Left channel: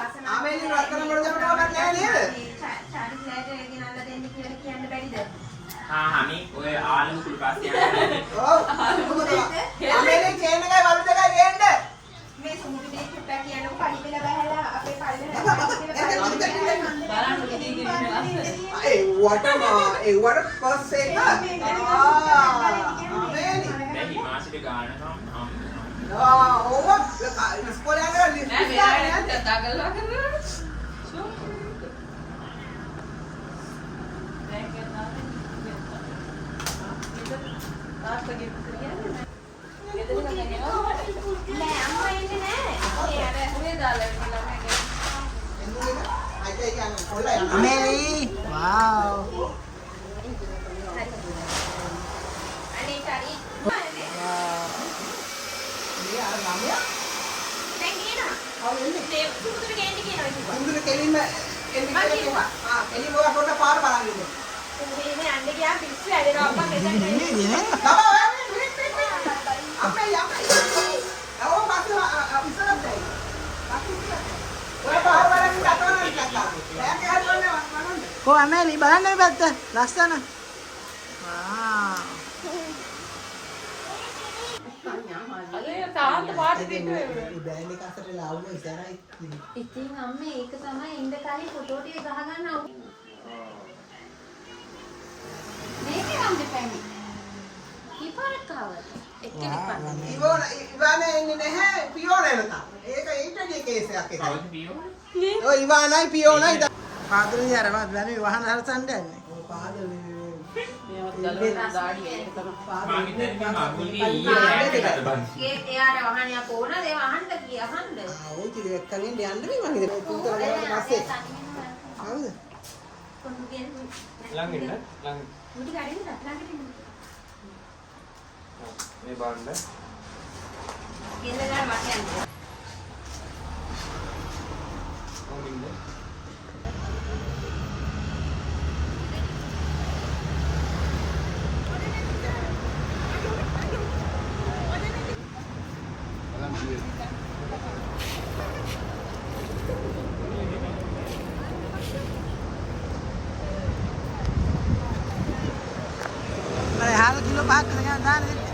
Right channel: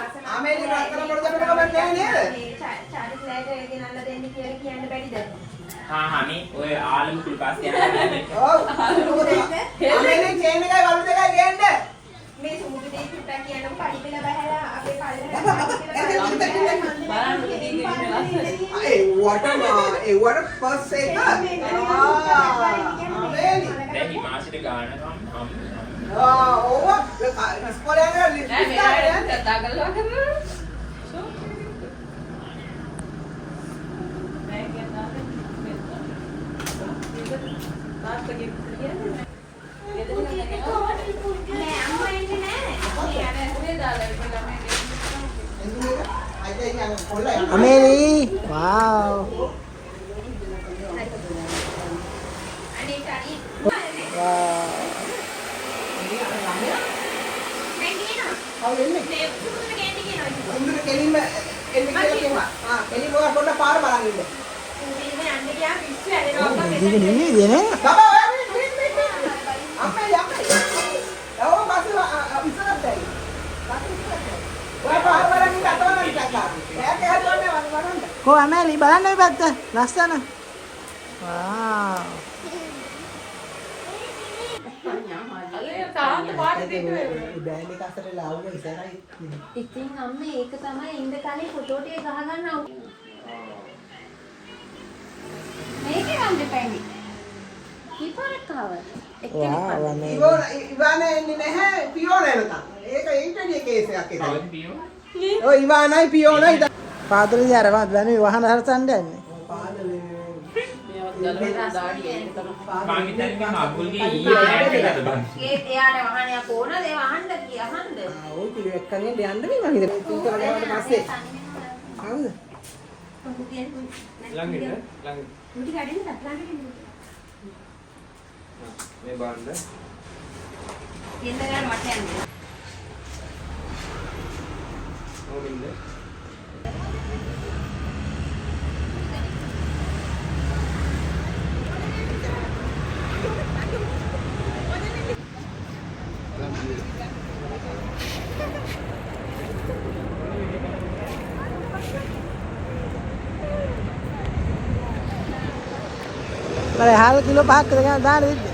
ආමේලි නත්තර මොකද කරන්නේ නේද? චාරිස්ලයිඩ් ගෙනල්ලා දෙන්න කියලා කියන්න බැරිද? මේ ඔය ආලු කුල් පස්සේ යනවා. ඔව්. ආමේලි චේන් එකයි වලු දෙකයි ගේන්න. මේ සුමුදු දෙක කියනකො පරිපිල බහැලා අපේ කල්ලේ ඒ වටර් කොස් එක. ආමේලි. දැන් හිමාසිට ගානකම් ඕව ඉස්කෝලේ යනවා කතා කරලා කරනවා. Amelie, wow. Wow. Ini dia nih. Oh, Amelie, බලන්න මේ පැත්ත. ලස්සන. Wow. තාන්ත පාට බෑන්ඩ් එක අතර ලාවුම ඉස්සරහයි. ඉතින් අම්මේ ඒක තමයි ඉඳ කලින් ෆොටෝ ටික ගහගන්න අවු. මේකේ වන්ද පැන්නේ. කීපාරක් ආවද? Wow, Amelie. ඉවාන එන්නේ නැහැ පියෝලා එනකම්. ඒක ඉන්ටර්නෙට් කේස් එකක් ඒක. කවුද පියෝ? ඔය ඉවානයි පියෝලයි පාදලේ අර දැනුයි වහන හරසන්න යන්නේ. මම හිතන්නේ අකුල්ගේ ඊයේ හැන්ඩ් එකකට බං. ඒ තියාර වහනයක් ඕනද ඒ වහන්න කියවන්න. ඔය ටික එක්කනේ යන්න මේ මම හිතන්නේ. පස්සේ. හවුද? ළඟ ඉන්න ළඟ. මුටි කඩින් සත්ලංගෙ මේ බාන්න. ඉඳලා මට යන්න. කොමින්ද? Mari hal kilo 5ක් දෙකක් දාන්න දෙන්න.